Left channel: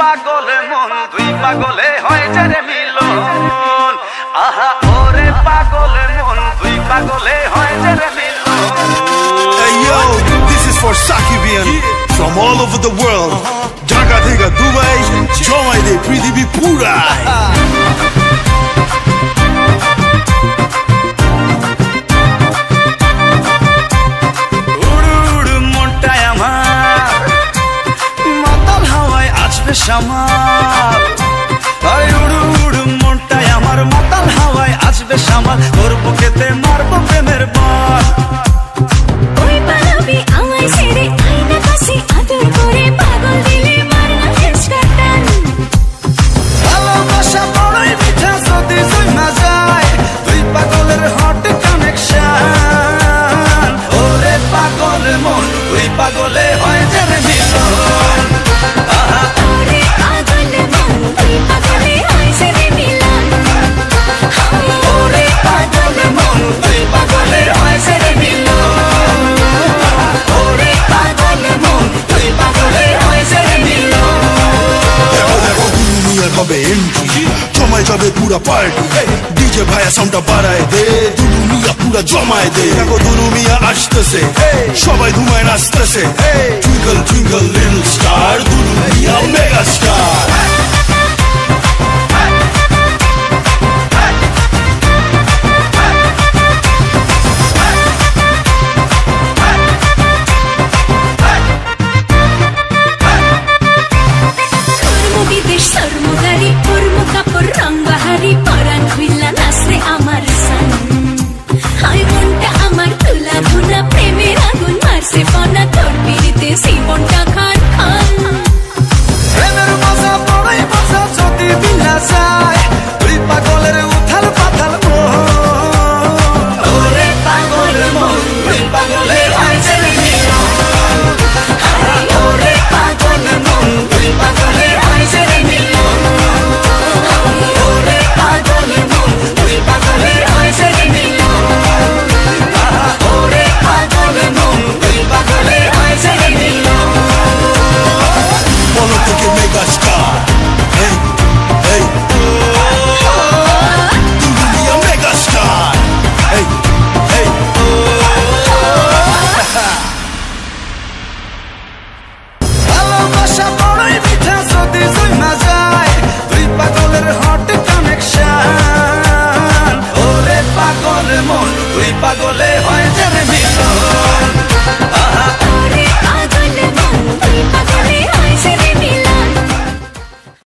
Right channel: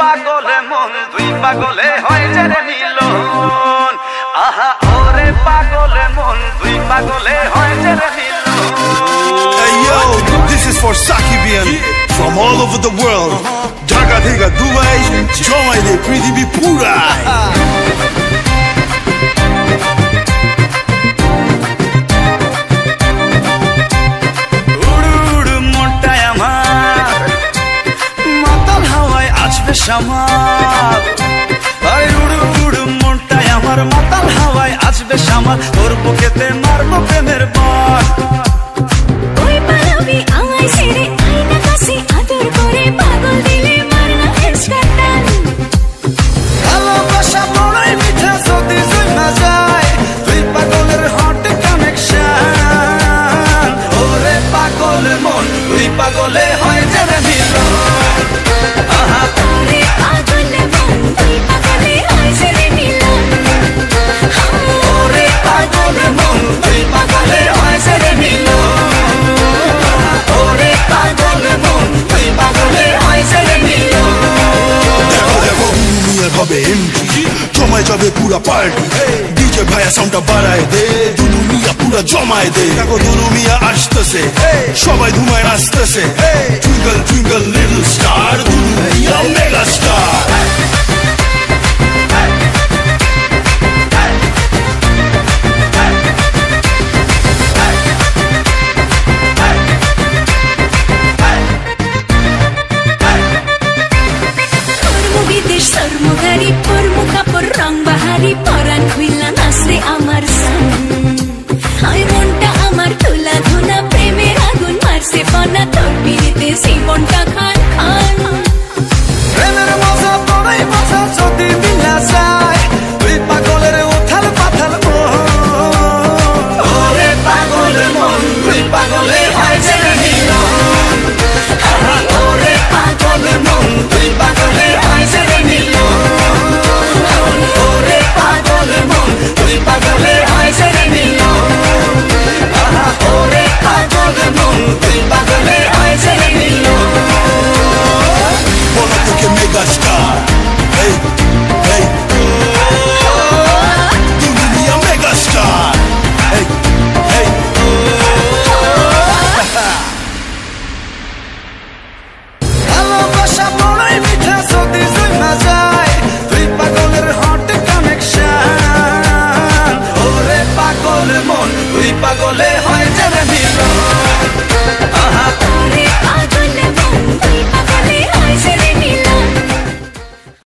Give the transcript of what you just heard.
পাগলে মন দুই পাগলে হয় যে রে মিলন আহা ওরে পাগলে মন দুই পাগলে হয় যে রে মিলন Hey yo, this is for Sakibian from all over the world. Dhaka theka Dubai, jomai de prithibi pura. শামাল আরে উড়ু উড়ু মনটাই আমার মাতাল হাওয়ায় আসবে শামাল তোর বুকেতে মারবো প্রেমের বান ওই পালাবি আমায় ছেড়ে আইনা কাছে আদর করে পাগল দিলে মারনা হেসকাটান ভালোবাসা বড়ই মিঠা যদি জমা যায় দুই পাগলের হট কানেকশন ওরে পাগল মন দুই পাগলে হয় যে রে মিলন আহা ওরে পাগল মন দুই পাগলে হয় যে রে মিলন ওরে পাগল মন দুই পাগলে হয় যে রে মিলন ওরে পাগল মন দুই পাগলে হয় যে রে মিলন দেখো দুনিয়ার হবে এন্ট্রি জমায় যাবে পুরা পার্টি ডিজে ভাইয়া সাউন্ডটা বাড়ায় দে দুলু মিয়া পুরা জমায় দে দেখো দুলু মিয়া আসতেছে সবাই ধুমায় নাচতেছে twinkle twinkle little star Dulu Mia mega star বিদেশ সর্মগারি পরমু কাপড় রং বাহারি পরান খুইলা নাচরে আমার সান হাই মনটা আমার তুলা ধুনা প্রেমের আগুন মারছে ফনা তোর পিড়িতে জীবনটা খান